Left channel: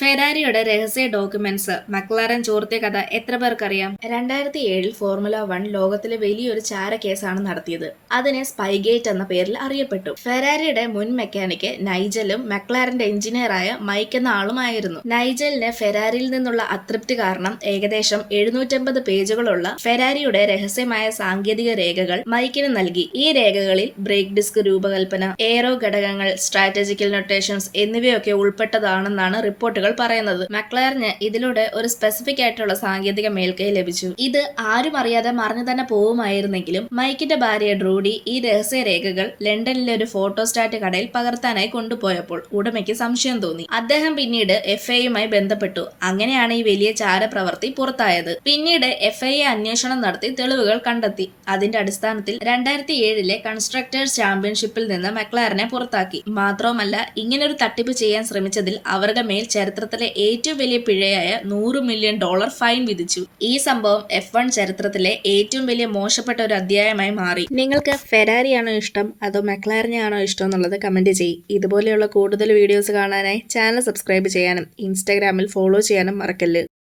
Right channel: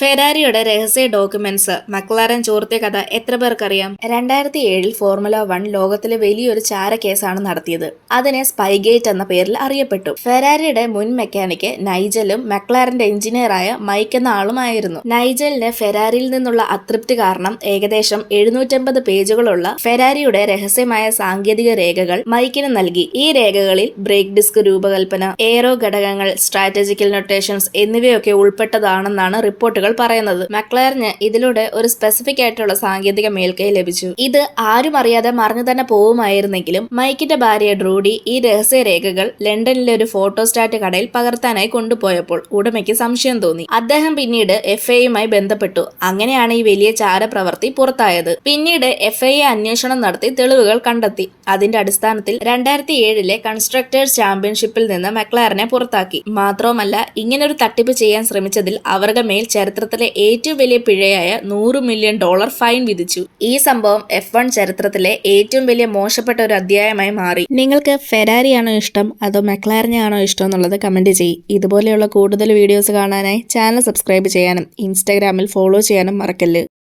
ഫെരാരിയുടെ രഹസ്യ documents McLaren ചോർത്തിയ കഥ എത്ര പേർക്കറിയാം? 2007 ഫോർമുല 1 ലോകത്തിലെ വലിയൊരു ചാരക്കേസാണ് നടത്തിയത്. അതിനെ സ്പൈഗേറ്റ് എന്ന പേരിൽ അറിയപ്പെട്ടു. ഫെരാരിയുടെ മുൻ മെക്കാനിക്ക് നൈജലും മക്ലാരന്റെ എഞ്ചിനീയറായ മൈക്ക് എന്ന ആളുമായിരുന്നു. നൈജലിന് ഫെരാരിയിൽ നിന്നുള്ള അതൃപ്തി കാരണം ഏകദേശം 750 പേജുകളുള്ള ഫെരാരിയുടെ രഹസ്യമായ സാങ്കേതിക രേഖകൾ മൈക്കിന് നൽകി. ഈ രേഖകളിൽ ബ്രേക്ക് ഡിസ്ക് രൂപകൽപ്പന, എയറോ ഘടകങ്ങൾ, സ്ട്രാറ്റജിക്കൽ നൊട്ടേഷൻസ് എന്നിവയൊക്കെ ഉൾപ്പെട്ടതാണെന്നാണ് റിപ്പോർട്ടുകൾ പറയുന്നത്. മക്ലാരന് ഇതിലൂടെ ഒരു സ്പെസിഫിക് ആയിട്ടുള്ള സാങ്കേതിക മേൽക്കൈ ലഭിച്ചു. ഇത് ആരും അറിയാതെ മറഞ്ഞു തന്നെ പോവുമായിരുന്നെങ്കിലും മൈക്കിന്റെ ഭാര്യ ഡ്രൂഡി ഈ രഹസ്യ രേഖകൾ ലണ്ടനിലെ ഒരു ഫോട്ടോസ്റ്റാറ്റ് കടയിൽ പകർത്താനായി കൊണ്ടുപോയപ്പോൾ ഉടമയ്ക്ക് സംശയം തോന്നി. അദ്ദേഹം പിന്നീട് FIA-യുമായി ബന്ധപ്പെട്ടു. അങ്ങനെയാണ് ഈ വലിയ ചാരപ്രവൃത്തി പുറത്തായത്. പിന്നീട് FIA അന്വേഷണം നടത്തി തെളിവുകൾ കണ്ടെത്തി. അതിന്റെ അടിസ്ഥാനത്തിൽ 2007 കൺസ്ട്രക്ടേഴ്സ് ചാമ്പ്യൻഷിപ്പിൽ നിന്ന് മക്ലാരനെ പുറത്താക്കി. മാത്രവുമല്ല, ഇങ്ങനൊരു തട്ടിപ്പ് ചെയ്യാൻ ശ്രമിച്ചതിൽ അവരുടെ മേൽ ചരിത്രത്തിലെ ഏറ്റവും വലിയ പിഴയായ $100 മില്യൺ ഫൈൻ വിധിച്ചു. ഈ സംഭവം F1 ചരിത്രത്തിലെ ഏറ്റവും വലിയ മോശപ്പെട്ട ഒരു അധ്യായമായി മാറി. നിങ്ങൾക്ക് ഫെരാരിയാണോ ഇഷ്ടം അതോ മക്ലാരനെയാണോ ഇഷ്ടം എന്നുള്ളത് കമന്റ് ചെയ്യ്. ഇതുപോലെയുള്ള കൂടുതൽ വീഡിയോസ് കാണാനായി ചാനൽ സബ്സ്ക്രൈബ് ചെയ്യാനും ഇൻസ്റ്റാഗ്രാമിൽ ഫോളോ ചെയ്യാനും മറക്കല്ല്.